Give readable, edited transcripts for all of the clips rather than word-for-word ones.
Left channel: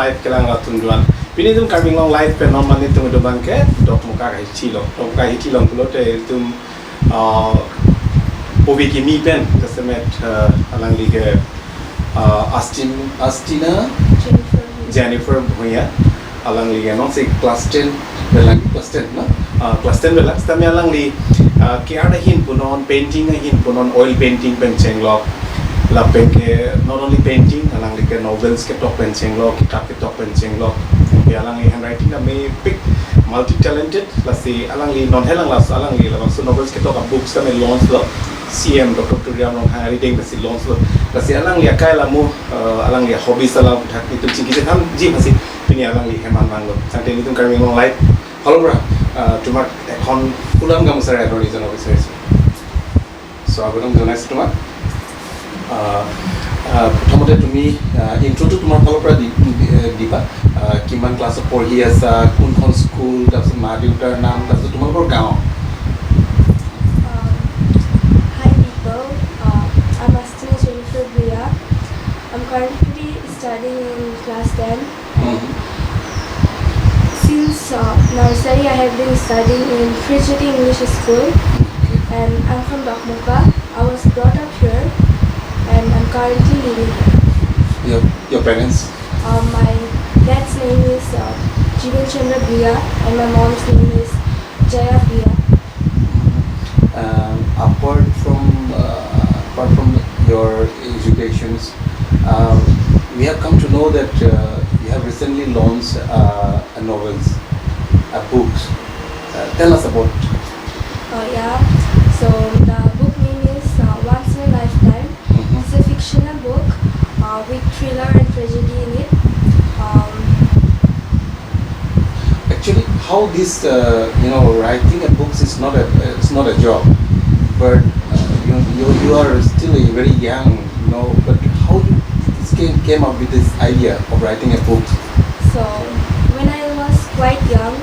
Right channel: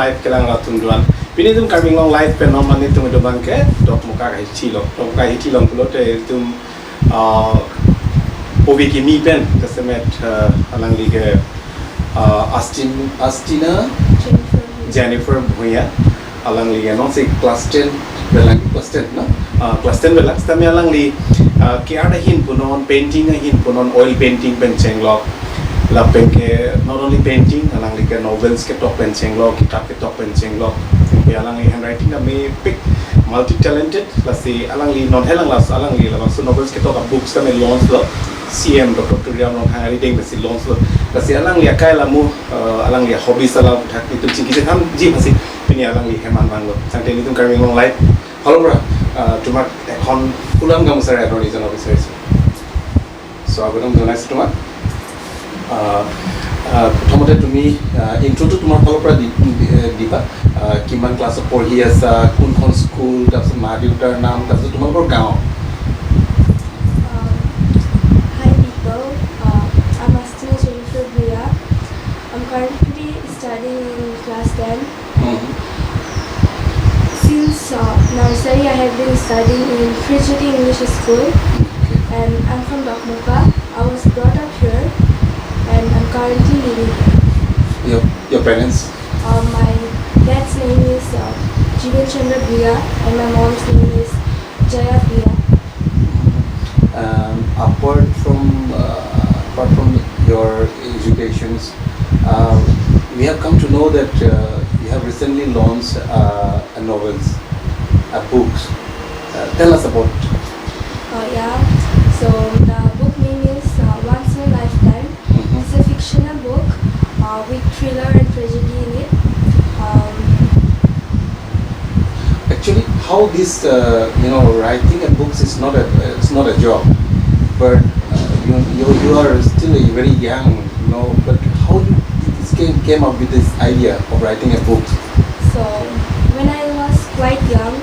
life kelang ratunduan. Pini tum carving long life pe normal ni tum doban ke dok muka kai chilo. Dok kai chilo pulote tum obi ki mi pen jasemet alang lige Astina Jenifer Bhuyan alang lige non si class 10 belang class 10 no class 10 belang stami alang li kiada hin punon painting hin punon oil painting pen chenglok la pen ke not only painting alang li ke novels ke top pen chenglok kitab ke top pen chenglok ke alang li handwriting na me pick multi talented la si alang li non helang las alang li la so novels ke top books ka me launch lo CM Dr. Turiam long hari ding la si launch lo la si alang li akai la mu alang li hobby sala thak ni tum chingki tham ji hasi pini alang li heman mang lo sante ni tum carving long life halo bra তোমাক এখন ফুলাম গামোচাৰ এডৰ reason বিচাৰিছোঁ চ' আগতম জনাইছোঁ তোমাক প্ৰথমতে তুমি ইণ্ট্ৰ'টো তোমাৰ ফালৰ পৰা দিবা কিমান ক্লাছত পঢ়ি আছা কোনখন স্কুল তাৰপিছত মা দেউতাৰ নাম তাৰপিছত তোমালোকৰ গাঁও Hi people, I'm Jenifer Bhuyan. I'm currently studying in class 10. Since nursery, I have been studying in Frigidi English School, and I'm from Dokmuka. I was brought up here, and I'm currently living here. Your parents? My dad's name is Jenifer Bhuyan, and my mom's name is Jaya Bhuyan. Apart from your educations, we have come to know that you have recently launched novels, books. Tell us about. Yeah. So the book name is Once in a Lifetime. It's a fictional book with thriller and tragedy in it. Actually, how this writing a books is not a job, but you are still a very young, but how came up with this idea of writing a book? So when I was quite young,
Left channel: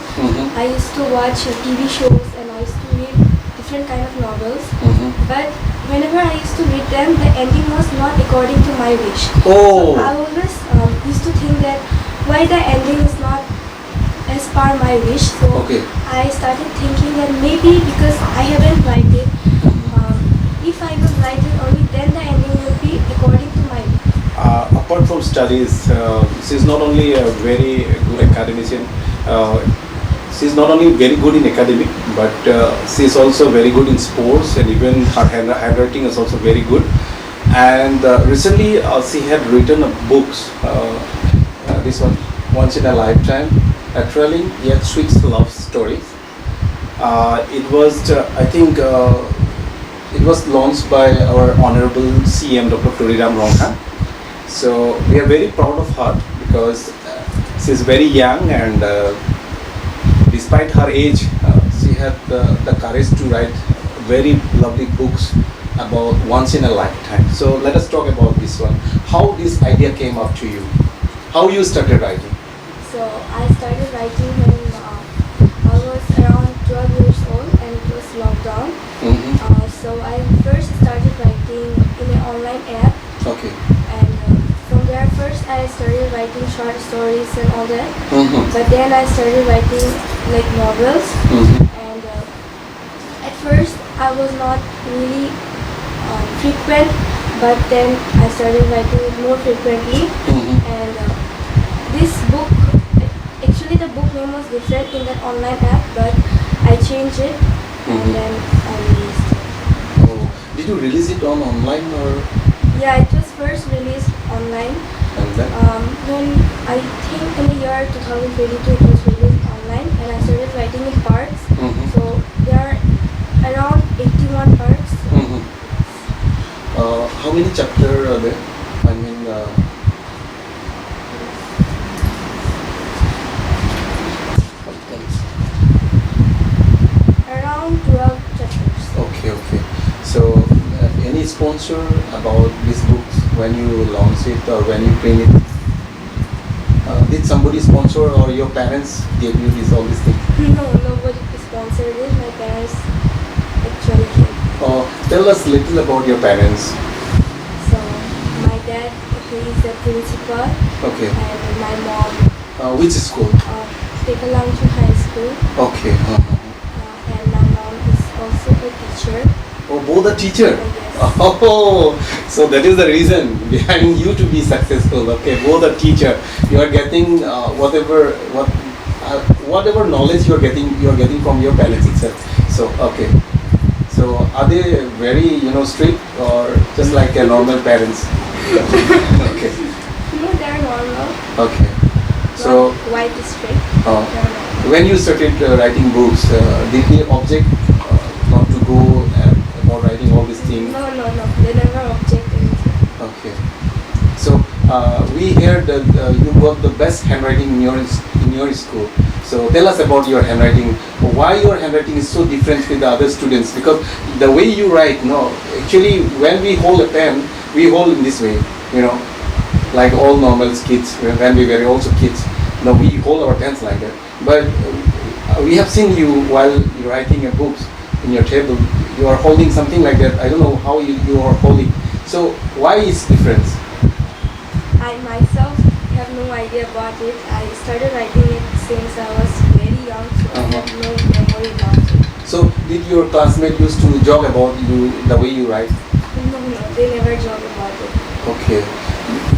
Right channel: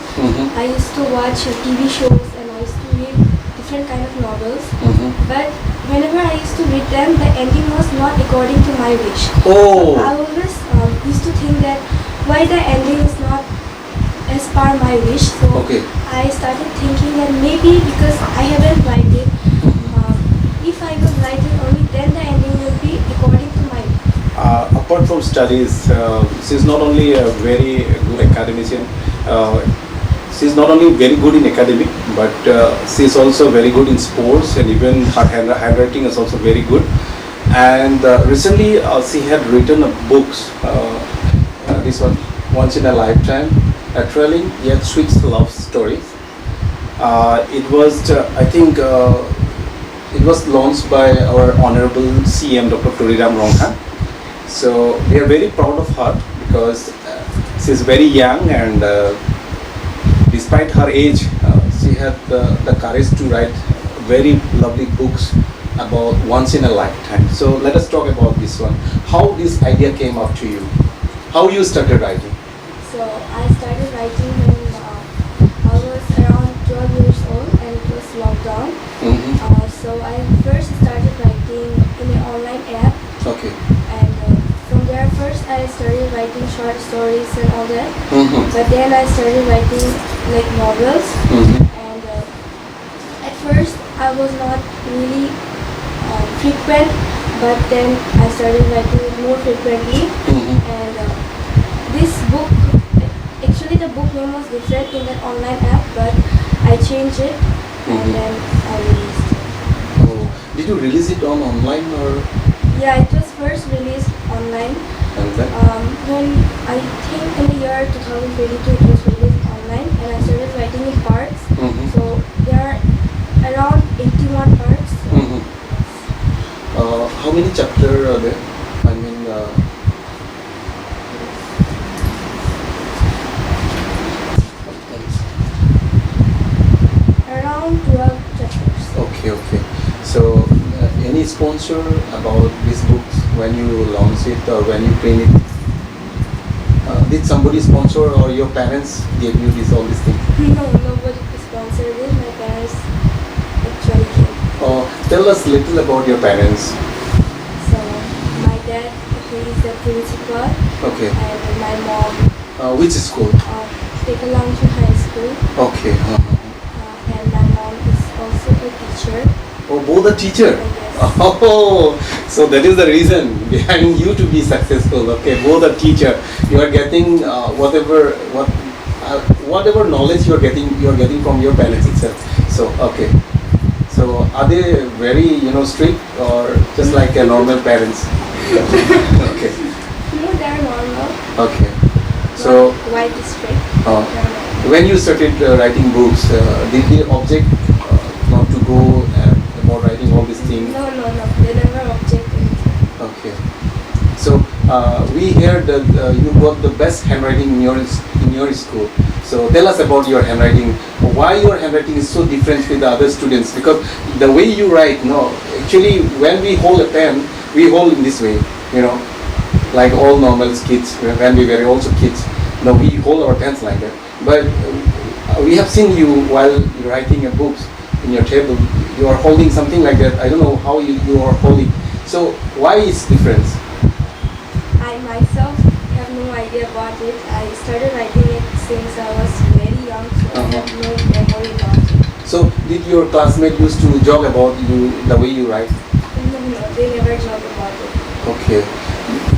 I used to watch TV shows and I used to read different kind of novels. But whenever I used to read them, the ending was not according to my wish. Oh. So I always used to think that why the ending is not as per my wish. So I started thinking that maybe because I haven't write it, if I will write it only then the ending will be according to my wish. Apart from studies, she is not only a very good academician, she is not only very good in academic, but she is also very good in sports, and even her handwriting is also very good. And recently she had written a books, this one, Once in a Lifetime, a thrilling yet sweet love story. It was, I think, it was launched by our Honorable CM Dr. Turiam Rongha. So we are very proud of her because she is very young, and despite her age, she had the courage to write very lovely books about once in a lifetime. So let us talk about this one. How this idea came up to you? How you started writing? So I started writing when I was around 12 years old and it was lockdown. So I first started writing in an online app. Okay. And from there first I started writing short stories and all that. But then I started writing like novels. And at first I was not really frequent, but then I started writing it more frequently. And this book, actually the book name was different in that online app, but I changed it and then I released it. Oh, did you release it on online or? Yeah, it was first released online. And then? When I think in the year 2022 it was released online, and I started writing in parts. So there are around 81 parts. How many chapters are there? I mean, around 12 chapters. Okay. So, any sponsor about this book when you launch it or when you print it? Did somebody sponsor or your parents gave you all these things? No, nobody sponsored it. My parents actually gave. Tell us little about your parents. So my dad he is the principal, Okay. and my mom, Which school? KAL High School, Okay. and my mom is also a teacher. Oh, both a teacher. Yes. Oh, so that is the reason behind you to be successful. Okay, both a teacher. You are getting whatever knowledge you are getting from your parents itself. So okay. So are they very strict or just like a normal parents? Okay. No, they're normal. Okay. So Not quite strict. uh, They're normal. when you started writing books, did they object not to go about writing all these things? No. They never object anything. Okay. So we heard that you got the best handwriting in your school. So tell us about your handwriting. Why your handwriting is so different with the other students? Because the way you write, no, actually when we hold a pen, we hold in this way, like all normal kids when we were also kids. No, we hold our pens like that. But we have seen you while you're writing a book in your table. You are holding something like that. I don't know how you are holding. So why is difference? I myself have no idea about it. I started writing it since I was very young, so I have no memory about it. So did your classmate used to joke about you the way you write? No, they never joke about it. Okay.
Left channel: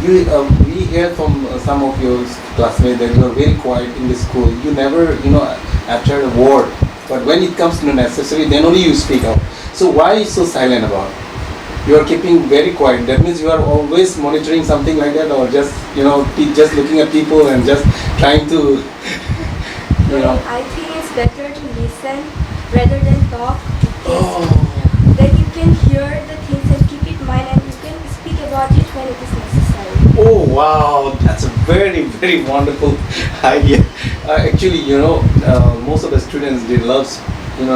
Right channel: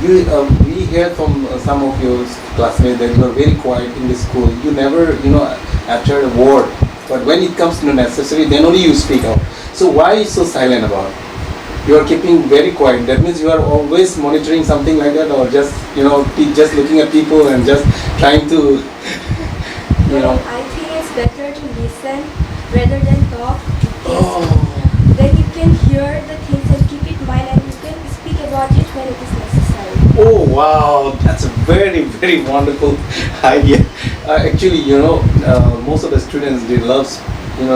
We hear from some of your classmates that you are very quiet in the school. You never, utter a word. But when it comes to necessary, then only you speak out. So why so silent about? You are keeping very quiet. That means you are always monitoring something like that, or just just looking at people and just trying to, I think it's better to listen rather than talk, because then you can hear the things and keep it in mind, and you can speak about it when it is necessary. Oh wow, that's a very very wonderful idea. Actually, most of the students they love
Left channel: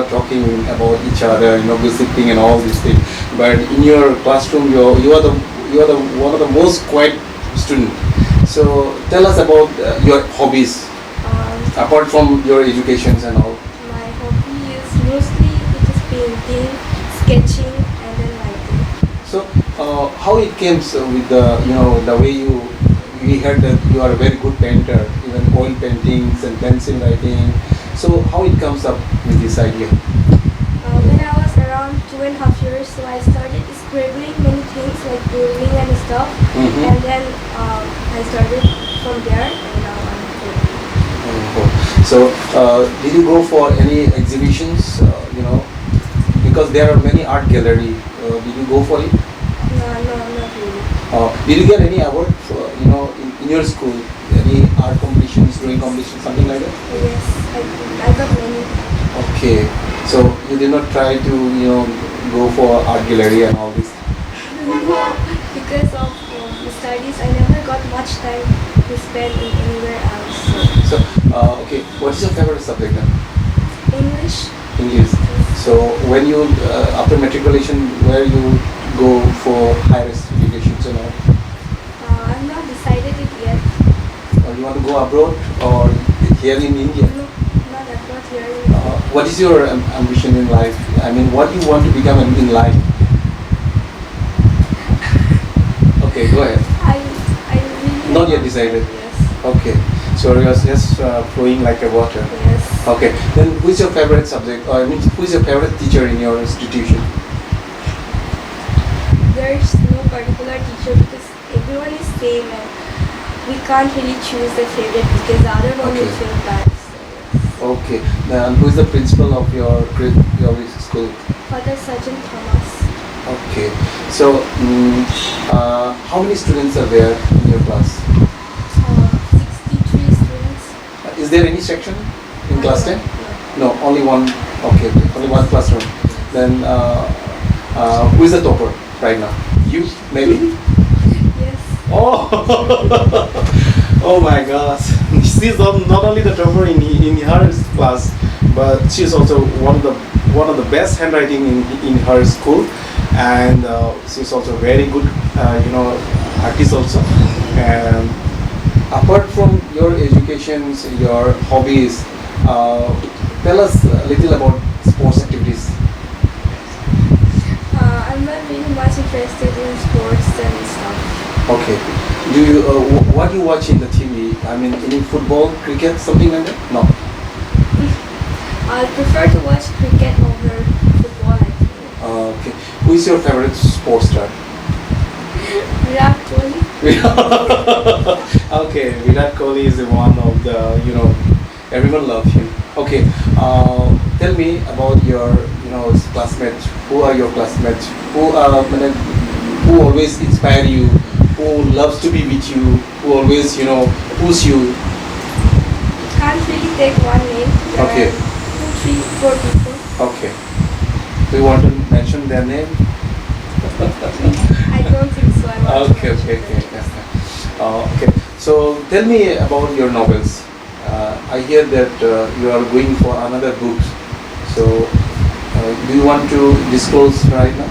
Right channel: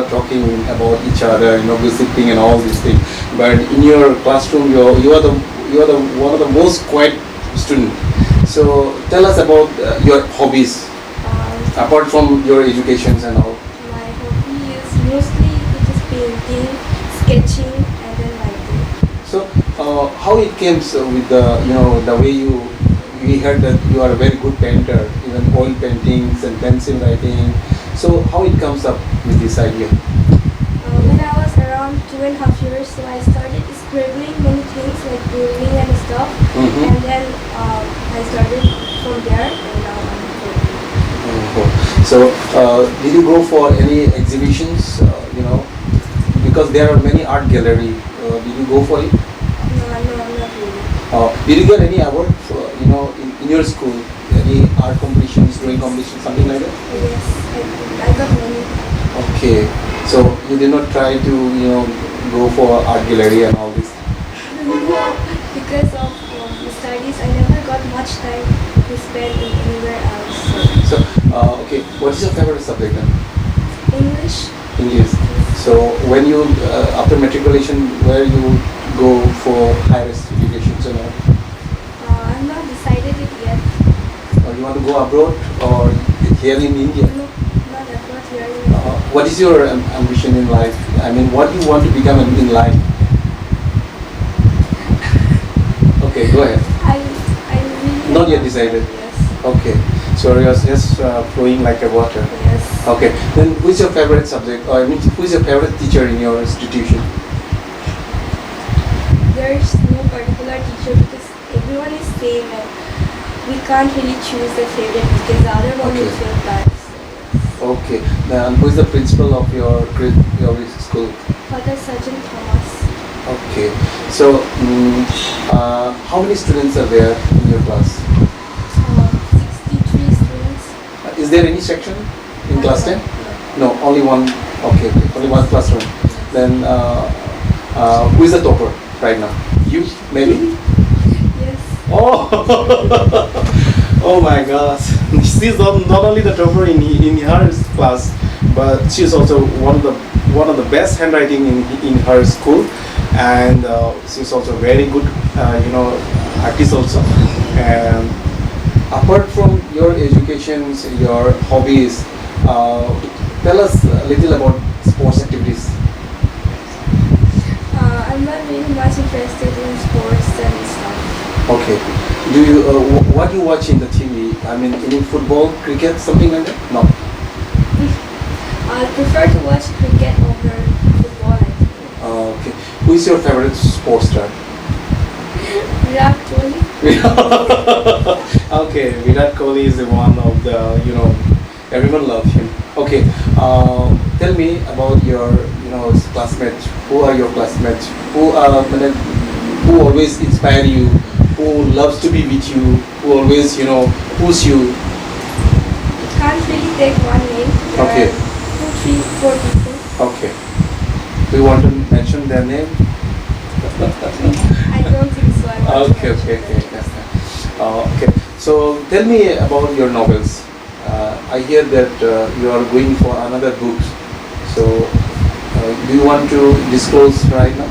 talking about each other, gossiping and all these things. But in your classroom, you are the one of the most quiet student. So tell us about your hobbies apart from your educations and all. My hobby is mostly it is painting, sketching, and then writing. So how it came with the way we heard that you are a very good painter, even oil paintings and pencil writing. So how it comes up with this idea? When I was around 2.5 years, so I started scribbling many things like doodling and stuff, and then I started from there, and now I'm painting. So did you go for any exhibitions? Because there are many art gallery. Did you go for it? No, not really. Did you get any award for, in your school? Any art competitions, drawing competitions, something like that? Yes, I got many. Okay, so you did not try to go for art gallery and all this. Because of the studies, I never got much time to spend in anywhere else. So okay, what is your favorite subject then? English. English. So when you after matriculation, where you go for higher education and all? I'm not decided it yet. Or you want to go abroad or here in India? No, not abroad, here in India. What is your ambition in life? I mean, what do you want to become in life? Okay, go ahead. I really Not yet decided. Yes. Okay, so you're just flowing like a water. Yes. Okay, then who is your favorite subject? Or I mean, who is your favorite teacher in your institution? There's no particular teacher because everyone is same, and we can't really choose the favorite because the other one will feel bad. So, yes. Okay, then who is the principal of your school? Father Sergeant Thomas. Okay, so how many students are there in your class? 63 students. Is there any section in class 10? No, only one. Okay, only one classroom. Then who is the topper right now? You, maybe? Yes. Oh, oh my gosh! She's not only the topper in her class, but she is also one of the best handwriting in her school, and she's also very good, artist also. And apart from your educations, your hobbies, tell us a little about sports activities. I'm not really much interested in sports and stuff. Okay. Do you what do you watch in the TV? I mean, any football, cricket, something like that? No. I prefer to watch cricket over football, I think. Okay. Who is your favorite sports star? Virat Kohli. Okay, Virat Kohli is one of the, everyone loves him. Okay, tell me about your, classmates. Who are your classmates? Who always inspire you? Who loves to be with you? Who always, push you? Can't really take one name. There Okay. are 2, 3, 4 people. Okay. Do you want to mention their name? I don't think so. I want to Okay. mention them. Yes. Okay. So tell me about your novels. I hear that you are going for another book. So do you want to disclose right now?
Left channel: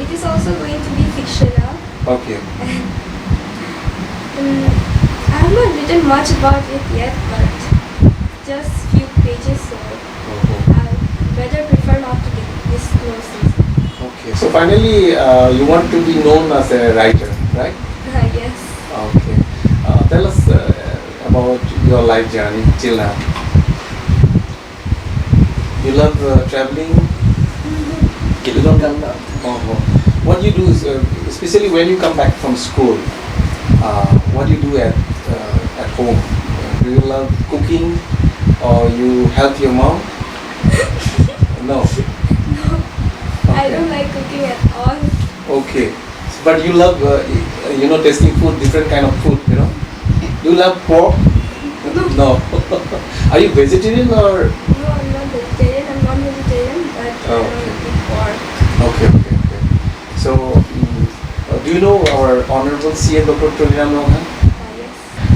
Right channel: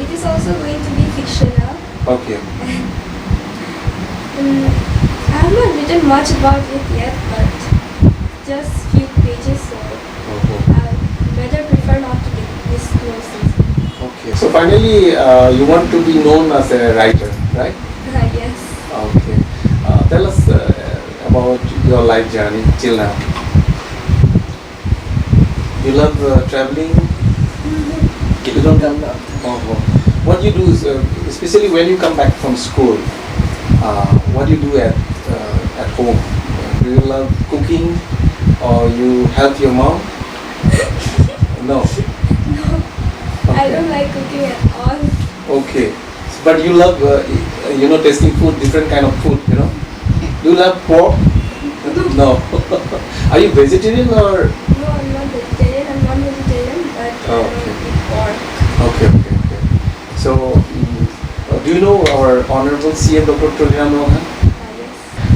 It is also going to be fictional. Okay. I have not written much about it yet, but just few pages, so I rather prefer not to disclose it. Okay. So finally, you want to be known as a writer, right? Yes. Okay. Tell us about your life journey till now. You love traveling? You don't come now? What you do is, especially when you come back from school, what do you do at home? Do you love cooking or you help your mom? No. No, I don't like cooking at all. Okay. But you love, tasting food, different kind of food, Do you love pork? No. Are you vegetarian or? No, I'm not vegetarian. I'm non-vegetarian, but I Okay. don't eat pork. Okay. So, do you know our Honorable CM Dr. Tulina Mohan? Yes.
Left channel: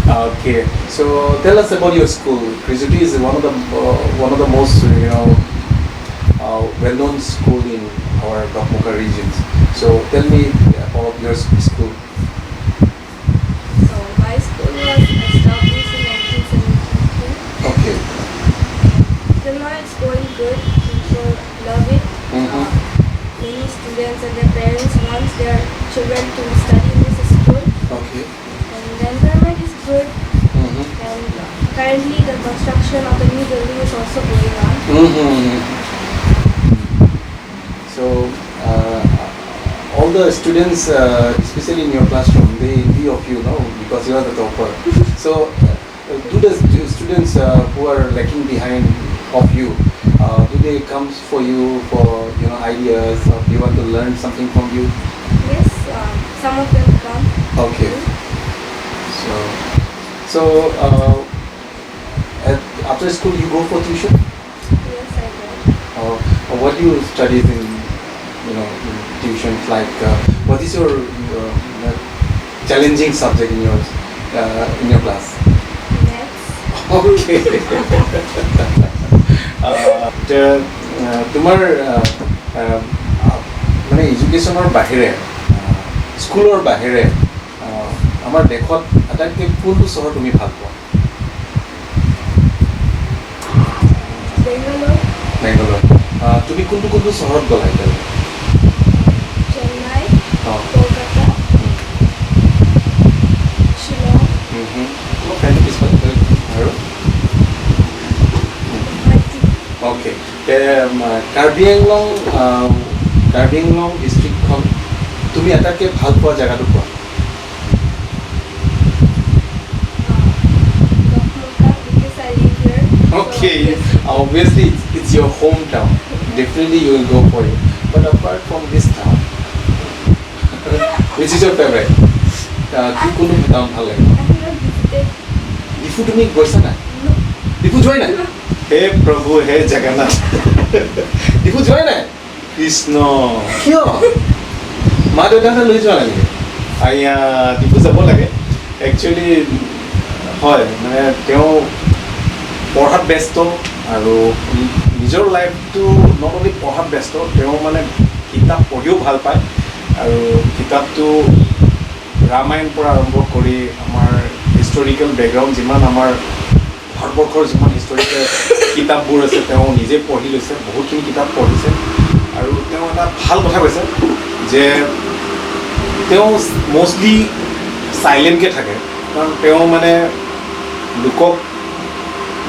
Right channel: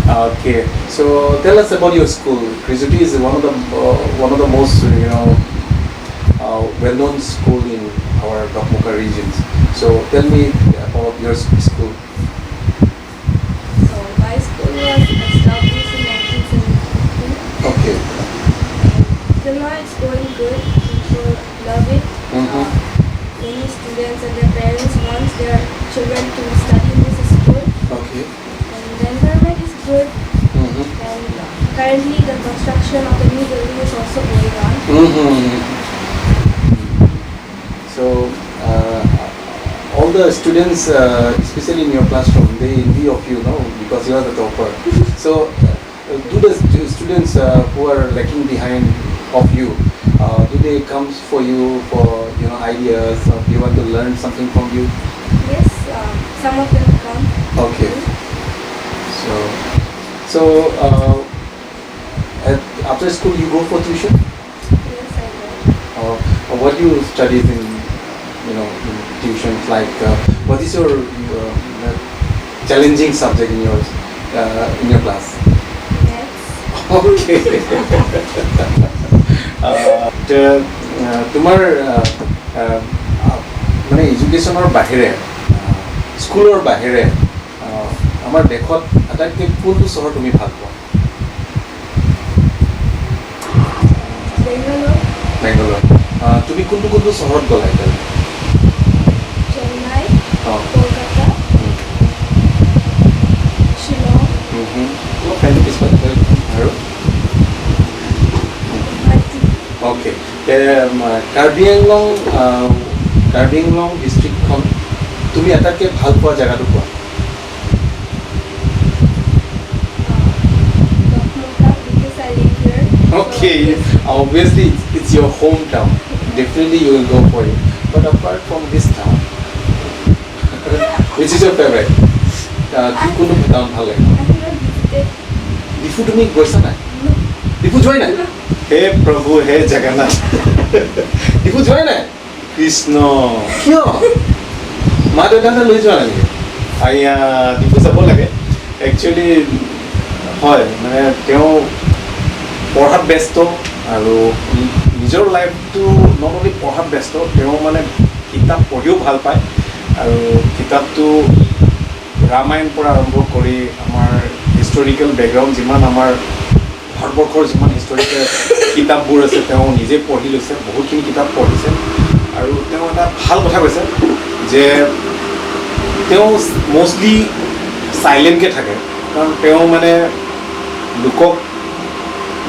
Okay. So, tell us about your school. Krisuti is one of the most, well-known school in our Dokmuka regions. So, tell me about your school. So my school was established in 1972. Okay. Till now it's going good. People love it. Many students and their parents want their children to study in this school. Okay. And the environment is good. And currently the construction of the new building is also going on. So, all the students, especially in your classroom, they envy of you, no? Because you are the topper. So, do the students who are lagging behind of you, do they come for you for ideas, or do you want to learn something from you? Yes, some of them come. Okay. So after school you go for tuition? Yes, I do. Or what do you study in tuition? Like what is your challenging subject in your class? Maths. Okay. তোমাৰ মানে এডুকেশ্যনৰ বাহিৰে স্কুলৰ বাহিৰে আমাৰ দেশত আটাইতকৈ কোনটো চহৰ তুমি ভাল পোৱা? বেংগলৰ। তুমি কোনটো চহৰত গ'লা এতিয়ালৈকে? চেন্নাই, কলকাতা, শ্বিলং, ফ্ৰেণ্ডটো পিছফালে আৰু অ'কে। কাৰ্বি আংলং ডিষ্ট্ৰিক্টখন তুমি আটাইতকৈ ভাল পোৱা জেগাটো কোৱা? because I live here. Okay, obviously it's your hometown. Definitely you will go for it. But apart from this town, which is your favorite? কোনটো town ভাল লাগে? I have not visited. Diphu তুমি গৈছা নাই? No. ডিফু যোৱাই নাই? হে প্ৰভু হে জগন্নাথ। ডিফু যোৱাই নাই? কৃষ্ণ কিয়? মা দেউতাহঁতে লৈ যোৱা নাই নেকি? ডিফু যাব লাগে একচুৱেলি। হয়, মানে তেওঁ পঢ়াত ব্যস্ত আৰু নিজৰ লাইফটো নট অনলি পঢ়াত ব্যস্ত, তেওঁ মানে কিতাপ পঢ়িও ভাল পায়। আৰু কিতাপটো ৰামায়ণ পৰা আৰম্ভ কৰি আমাৰ হিষ্টৰিকেল বেকগ্ৰাউণ্ড যিমান আমাৰ ভাৰতবৰ্ষৰ যিমান হিষ্টৰিকেল কিতাপবোৰ আছে তেওঁ নিজে পঢ়ি লৈছে, বহুতখিনি কিতাপ পঢ়িছে। আৰু তেওঁ এটা ভাল কথা কৈছে যে তেওঁ মোষ্টলি চাইলেণ্টকৈ থাকে কাৰণ তেওঁ মানে লোকক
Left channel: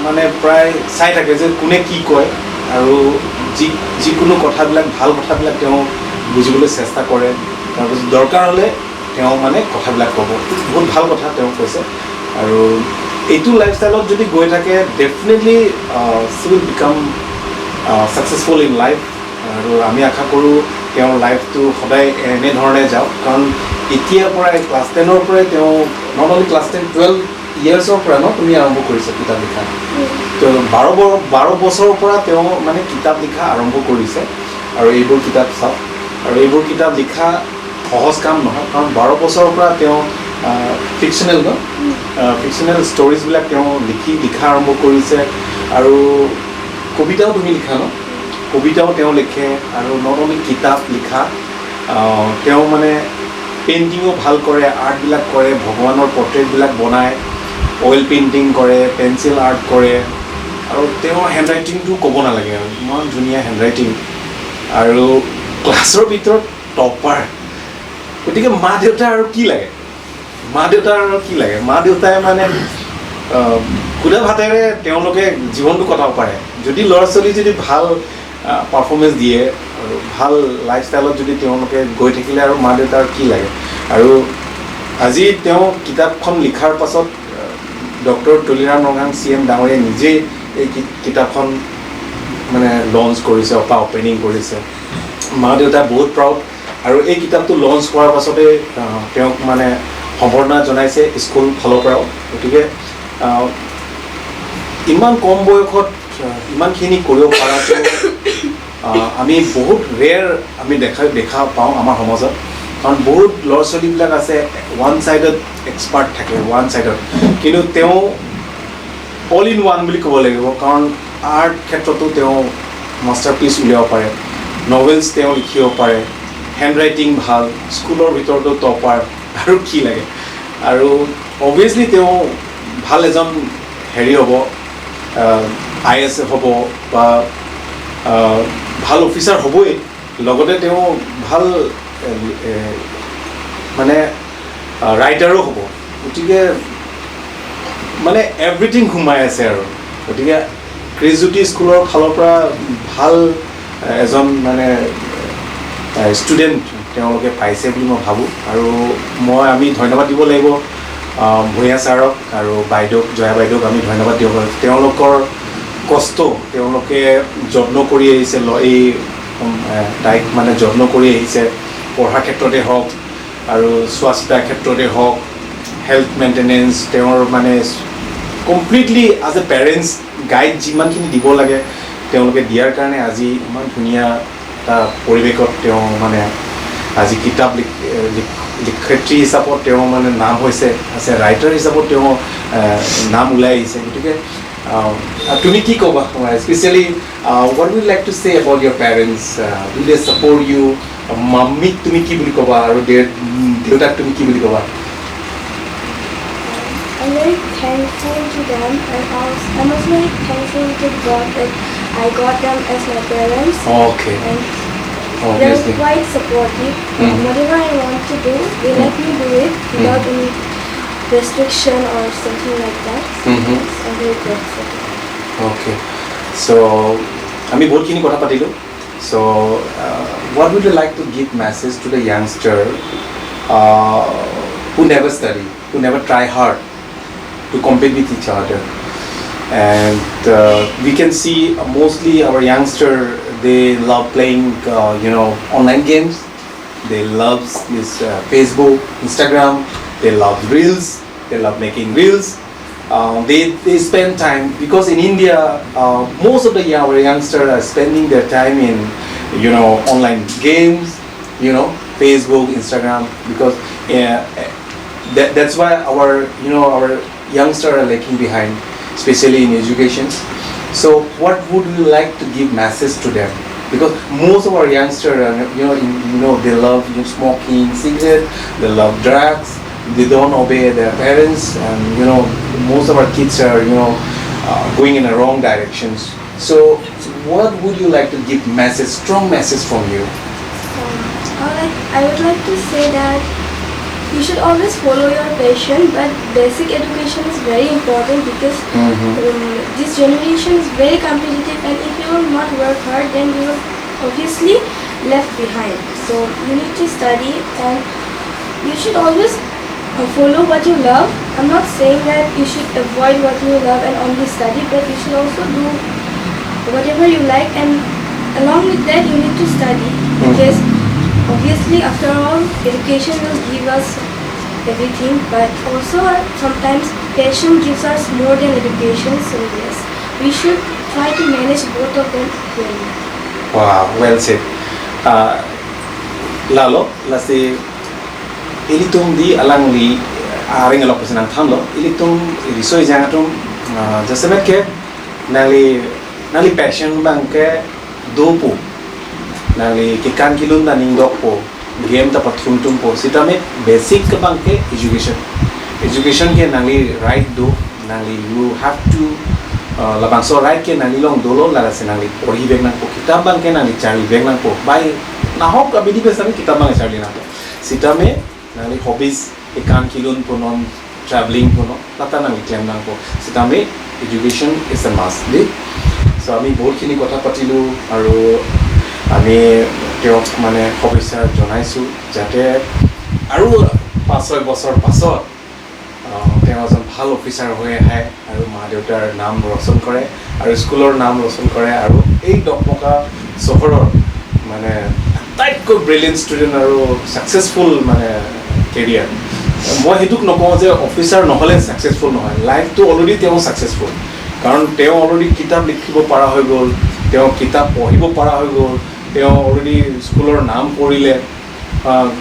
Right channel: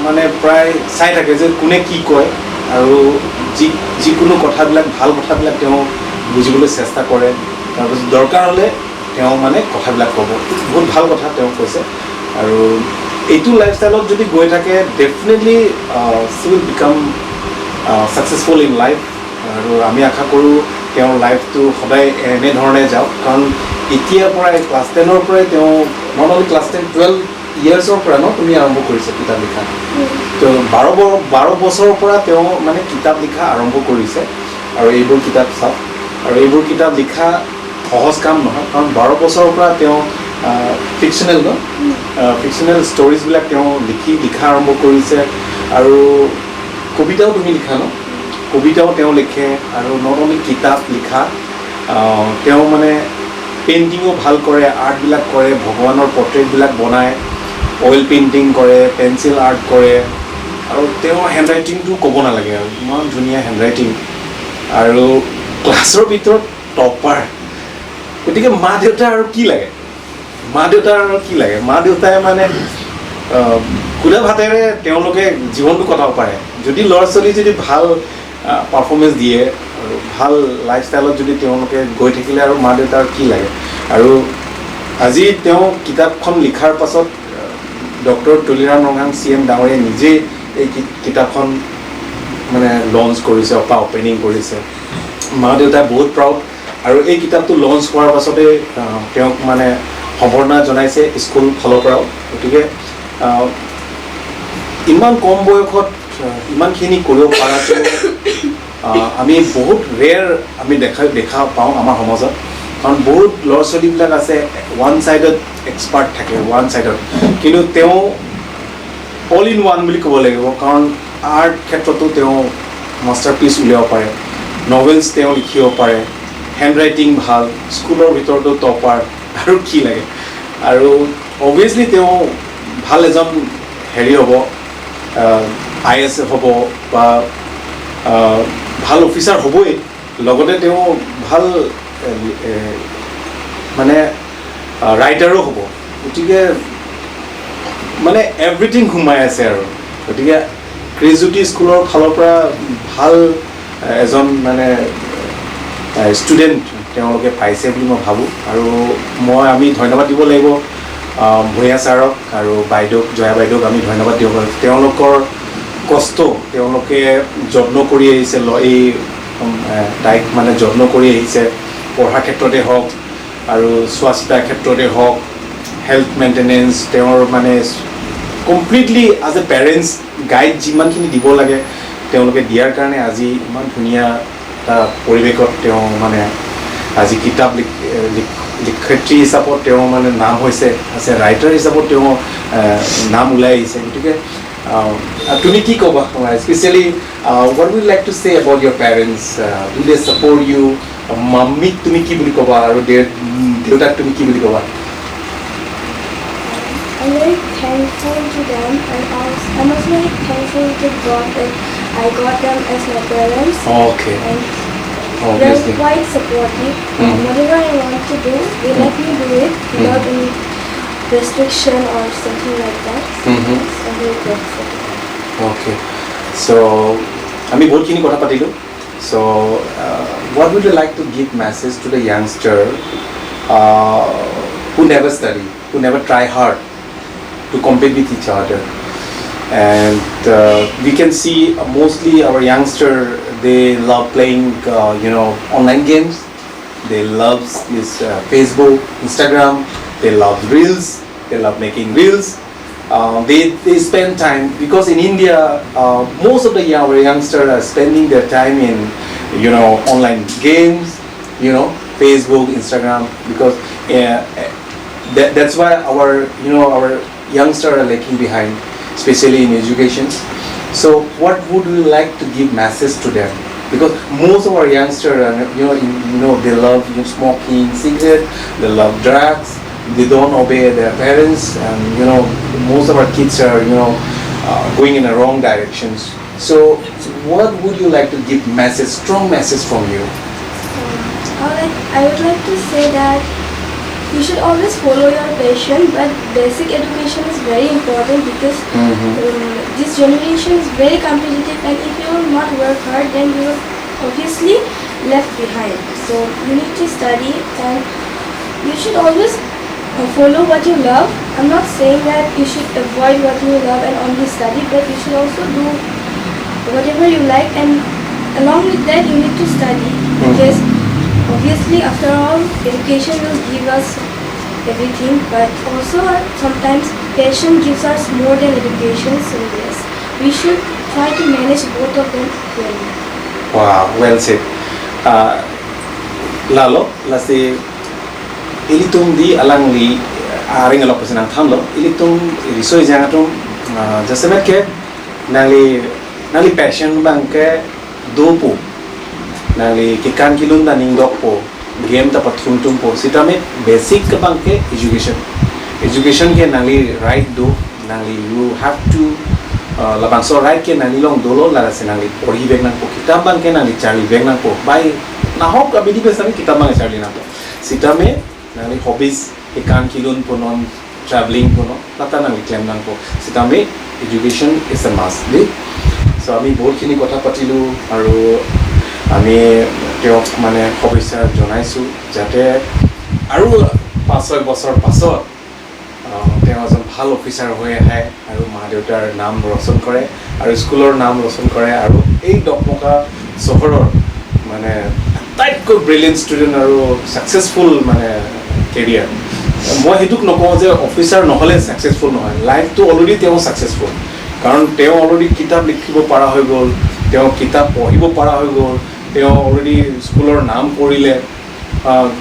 মানে প্ৰায় চাই থাকে যে কোনে কি কয় আৰু যিকোনো কথাবিলাক ভাল কথাবিলাক তেওঁ বুজিবলৈ চেষ্টা কৰে তাৰপিছত দৰকাৰ হ'লে তেওঁ মানে কথাবিলাক ক'ব বহুত ভাল কথা তেওঁ কৈছে আৰু এইটো লাইফষ্টাইলত যদি গৈ থাকে definitely C will become successful in life আৰু আমি আশা কৰোঁ তেওঁৰ লাইফটো সদায় এনেধৰণে যাওক কাৰণ এতিয়াৰ পৰাই ক্লাছ 10ৰ পৰাই তেওঁ নট অনলি ক্লাছ 10 12 ইয়াৰ্ছৰ পৰা ন তুমি আৰম্ভ কৰিছে কিতাপ লিখা তো 12 বছৰৰ পৰা তেওঁ মানে কিতাপ লিখা আৰম্ভ কৰিছে আৰু এইবোৰ কিতাপ চাওক আৰু এইবোৰ কিতাপ লিখা সহজ কাম নহয় কাৰণ 12 বছৰৰ পৰা তেওঁ ফিকশ্যনেল ন ফিকশ্যনেল ষ্টৰিজবিলাক তেওঁ লিখা আৰম্ভ কৰিছে আৰু কবিতাও তুমি লিখা ন কবিতাও তেওঁ লিখে আৰু নট অনলি কিতাপ লিখা তেওঁ মানে পেইণ্টিঙো ভাল কৰে আৰ্টবিলাক কৰে ভগৱানৰ পৰ্ট্ৰেটবিলাক বনায় অইল পেইণ্টিং কৰে পেঞ্চিল আৰ্ট কৰে আৰু তেওঁৰ হেণ্ডৰাইটিংটো ক'ব নালাগে আৰু ইমান ধুনীয়া হেণ্ডৰাইটিং আৰু ক্লাছৰ ভিতৰত টপাৰ গতিকে মা দেউতা আৰু কি লাগে মা দেউতাই মানে সুদা ভাতেৰে তেওঁলোকে জীৱনটো কটাব পাৰে যদি ল'ৰা ছোৱালী যদি ভাল পাৰফৰ্মেঞ্চ দিয়ে আৰু ভাল লাইফষ্টাইলত যদি তেওঁলোকে গৈ থাকিলে আৰু মা দেউতাৰ কি লাগে আৰু আজি তেওঁ কিতাপখন লিখাৰ পাছত ডক্টৰ তুলিৰাম ৰঙাং CM ডাঙৰীয়াই নিজেই এই কিতাপখন মানে লঞ্চ কৰিছে অপেনিং কৰিছে মা দেউতা বহুত প্ৰাউড আৰু এই কিতাপটো লঞ্চ হোৱাৰ পাছতে তেওঁক মানে সম্বৰ্ধনা জনাইছে স্কুল ফালৰ পৰাও গতিকে ইমান কম বয়সত ইমানখিনি কৰিব পৰাটো আমি বহুত ৰেয়াৰ আমি দেখা পাওঁ আমাৰ সমাজত কাৰণ বহুত ল'ৰা ছোৱালীবিলাক আছে ওৱান ছাইডত এক্সপাৰ্ট থাকে ওৱান ছাইডত কিন্তু তেওঁ অল ইন ওৱান বুলি ক'ব লাগিব কাৰণ আৰ্ট ক্ষেত্ৰতো তেওঁ মাষ্টাৰপিচ উলিয়াব পাৰে নভেলছ তেওঁ লিখিব পাৰে হেণ্ডৰাইটিং ভাল স্কুলৰ ভিতৰতো টপাৰ আৰু কি লাগে আৰু অভিয়াছলি তেওঁ ভাল এজন হেৰি হ'ব IAS হ'ব বা ভাল অফিচাৰ হ'বই লগতে তেওঁ ভাল মানে ৰাইটাৰো হ'ব গতিকে মানে এভৰিথিং সোমাই আছে আৰু গতিকে ক্ৰিজুটি স্কুলৰ ফালৰ পৰা ভাল এজন মানে ষ্টুডেণ্ট তেওঁলোকে পাইছে বুলি মই ভাবোঁ আৰু আমি ধন্যবাদ দিব লাগিব ভূঞা ছাৰক আৰু বাইদেউক জয়া বাইদেউক আমি ধন্যবাদ দিব পাৰোঁ তেওঁলোকৰ কষ্ট তেওঁলোকে যত্ন কৰি আহিছে এই তাইক মানে যত্ন কৰি আহিছে পঢ়াৰ ক্ষেত্ৰতে হওক আৰু চোৱা চিতাৰ ক্ষেত্ৰতে হওক হেল্থ মেইনটেনেঞ্চ তেওঁৰ মানে completely as a parents guide যিমানখিনি দিব লাগে তেওঁলোকে দিয়াৰ কাৰণে আজি ইমান ধুনীয়া এটা পৰিৱেশত তেওঁ মানে আজি কিতাপ লিখয়িত্ৰী হিচাপত তেওঁ মানে নাম হৈছে আছে ৰাইটাৰ হিচাপত তেওঁ নাম ওলাই আহিছে গতিকে তুমি কি ক'বা especially what would you like to say about your parents do they support you মাম্মিক তুমি কি বুলি ক'বা আৰু দেউতাক তুমি কি বুলি ক'বা I'm very thankful to them and I'm also very thankful to God that I got them as my parents. Okay. And Obviously. they're quite supportive. Whatever I want to do, they let me do it without any restriction or something like that. So I'm very grateful. Okay. So, আমি বহুতখিনি কথা পাতিলোঁ so what would you like to give message to the youngster who never study who never try hard to compete with each other and we can see mostly our youngster they love playing online games they love this Facebook Instagram they love reels they love making reels they spend time because in India most of our youngsters are spending their time in online games Facebook Instagram because that's why our youngsters are lagging behind especially in education so what would we like to give message to them because most of our youngsters are, they love smoking cigarette they love drugs they don't obey their parents and most of our kids are going in the wrong directions so what would you like to give message strong message from you I would like to say that you should always follow your passion, but basic education is very important because this generation is very competitive, and if you will not work hard, then you will obviously left behind. So you need to study, and you should always follow what you love. I'm not saying that you should avoid what you love and only study, but you should also do whatever you like, and along with that you need to study because obviously after all education will give us everything, but also sometimes passion gives us more than education. So yes, we should try to manage both of them well. Wow, well said. Lalo, lasi ilitung di alang li aring alok pesenang thamlo ilitung risoi jangatum jasemet ke nali passion bangke dopo nali kikan kilun na ningdok po game ta pathum tum po sitame basic ke bangke education ke nali right do nali you have to labangso right ke nali long dolo lara senali pori beng nang po kitab bangke nali chari beng nang po bai na hok abidi besami kitab bang chari nang po sitame nali hobbies kikan kilun po non traveling po no tata nali claim nang po sitame education is a must de so ami বহুত খিনি কথা পাতিলো আৰু আমি তেওঁক মানে শুভেচ্ছা জনাইছো যাতে আৰু 5-6 বছৰ পাছত তেওঁ এজন ভাল অফিচাৰ হৈ আহে আৰু মা দেউতাৰ নাম ৰচন কৰে আৰু স্কুলৰ নাম ৰচন কৰে আৰু এই ডকমকা চহৰৰ মানে আটাইতকৈ ব্ৰিলিয়েণ্ট ষ্টুডেণ্ট আৰু ছাকচেছফুল মানে কেৰিয়াৰ মই হেতুক নকওঁ যে অফিচাৰ নহ'লে ছাকচেছফুল নহয় লাইফটো অলৰেডি তেওঁ ছাকচেছফুল কাৰণ তেওঁ অলৰেডি কিতাপ লিখিব পৰা হৈ গ'ল তেওঁ কিতাপ পঢ়িব পৰা হৈ গ'ল তেওঁ অলৰেডি স্কুলৰ নাম কৰিলে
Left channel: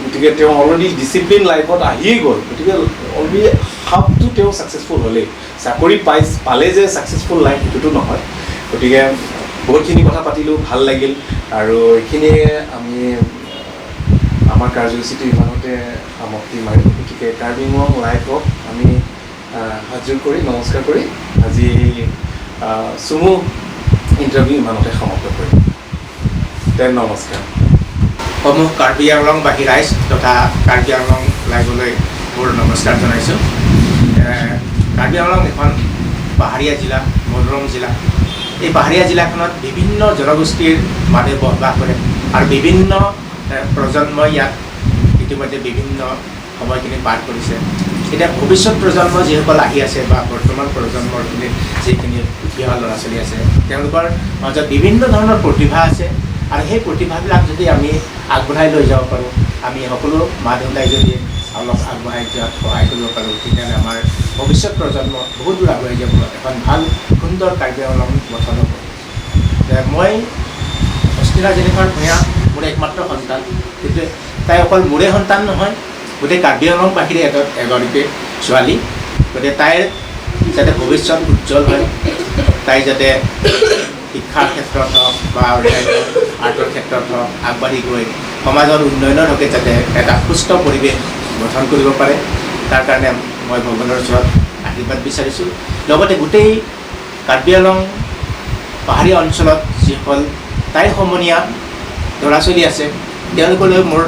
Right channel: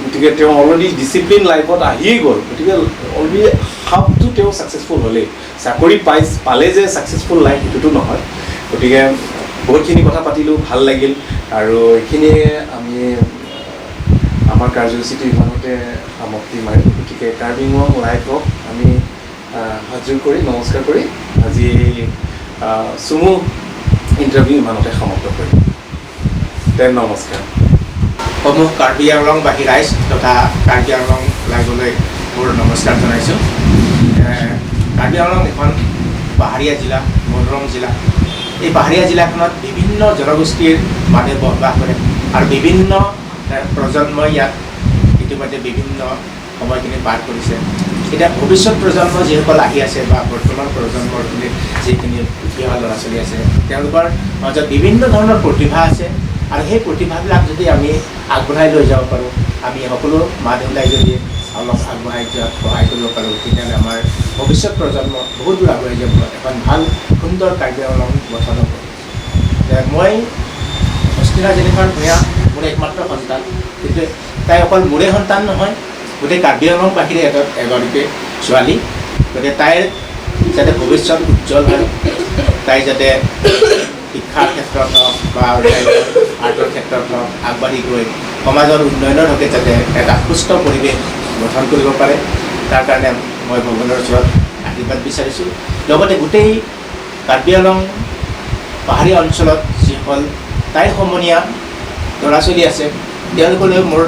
গতিকে তেওঁ অলৰেডি ডিচিপ্লিন লাইফত আহিয়ে গ'ল গতিকে অলৰেডি হাফটো তেওঁ ছাকচেছফুল হ'লেই চাকৰি পালে যে ছাকচেছফুল লাইফ সেইটোতো নহয় গতিকে বহুতখিনি কথা পাতিলোঁ ভাল লাগিল আৰু এইখিনিয়ে আমি আমাৰ কাৰ্যসূচীটো ইমানতে সমাপ্তি মাৰিম গতিকে কাৰ্বি আংলং লাইফক আমি হাজুৰ কৰি নমস্কাৰ কৰি আজি চুমু ইণ্টাৰভিউ ইমানতে সমাপ্ত কৰিম নমস্কাৰ সমূহ কাৰ্বি আংলংবাসী ৰাইজ তথা কাৰ্বি আংলং লাইভলৈ মোৰ নমস্কাৰ জনাইছোঁ কাৰ্বি আংলং এখন পাহাৰীয়া জিলা মনোৰম জিলা এই পাহাৰীয়া জিলাখনত বিভিন্ন জনগোষ্ঠীৰ মানুহে বসবাস কৰে আৰু বিভিন্ন প্ৰজন্মই ইয়াত ইতিমধ্যে বিভিন্ন সময়খিনি পাৰ কৰিছে এতিয়া ভৱিষ্যত প্ৰজন্ম যিসকল আহি আছে বা বৰ্তমান প্ৰজন্মৰ যিখিনি উঠি অহা ল'ৰা ছোৱালী আছে তেওঁলোকৰ মাজত বিভিন্ন ধৰণৰ প্ৰতিভা আছে আৰু সেই প্ৰতিভাবিলাক যদি আমি আগবঢ়াই লৈ যাব পাৰোঁ আমি সকলো মা দেউতাই যদি অলপ আগবঢ়াই যোৱাত সহায় কৰিব পাৰোঁ তেতিয়াহ'লে আমাৰ ভৱিষ্যত প্ৰজন্ম বহুত দূৰ আগুৱাই যাব এখন ভাল সুন্দৰ কাৰ্বি আংলং গঠন হ'ব মই অস্মিতা জেনিফাৰ ভূঞা মোৰ একমাত্ৰ সন্তান কিন্তু তাই অকল মোৰে সন্তান নহয় গোটেই কাৰ্বি আংলংবাসীৰে এগৰাকী ছোৱালী গতিকে তাইৰ যাতে ভৱিষ্যত উজ্জ্বল হয় তাই যাতে শিক্ষাৰ ক্ষেত্ৰত হওক বা অন্যান্য আৰ্টৰ ক্ষেত্ৰত হওক আগবাঢ়ি গৈ সমাজৰ উন্নয়নৰ হকে যাতে এটা সুস্থ পৰিৱেশ গঠন কৰিব পাৰে তাৰ কাৰণে মই ভগৱানৰ ওচৰত আশীৰ্বাদ বিচাৰিছোঁ লগতে গোটেই কাৰ্বি আংলং পাহাৰীয়া অঞ্চলত যিসকল তাইৰ সমনীয়া ল'ৰা ছোৱালী আছে তেওঁলোকলৈ মোৰ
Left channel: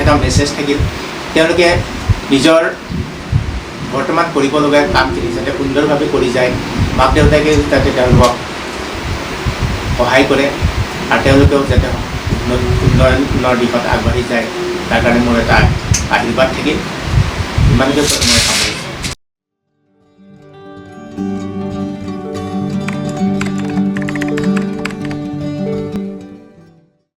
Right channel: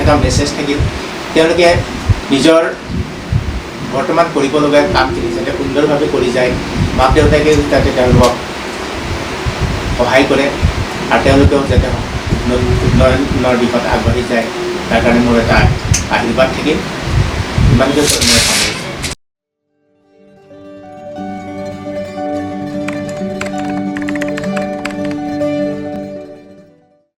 এটা মেছেজ থাকিল তেওঁলোকে নিজৰ বৰ্তমান কৰিবলগীয়া কামখিনি যাতে সুন্দৰভাৱে কৰি যায় মাক দেউতাকে যাতে তেওঁলোকক সহায় কৰে আৰু তেওঁলোকেও যাতে উন্নয়নৰ দিশত আগবাঢ়ি যায় তাৰ কাৰণে মোৰ এটা আশীৰ্বাদ থাকিল ইমানকৈ মই সামৰিছোঁ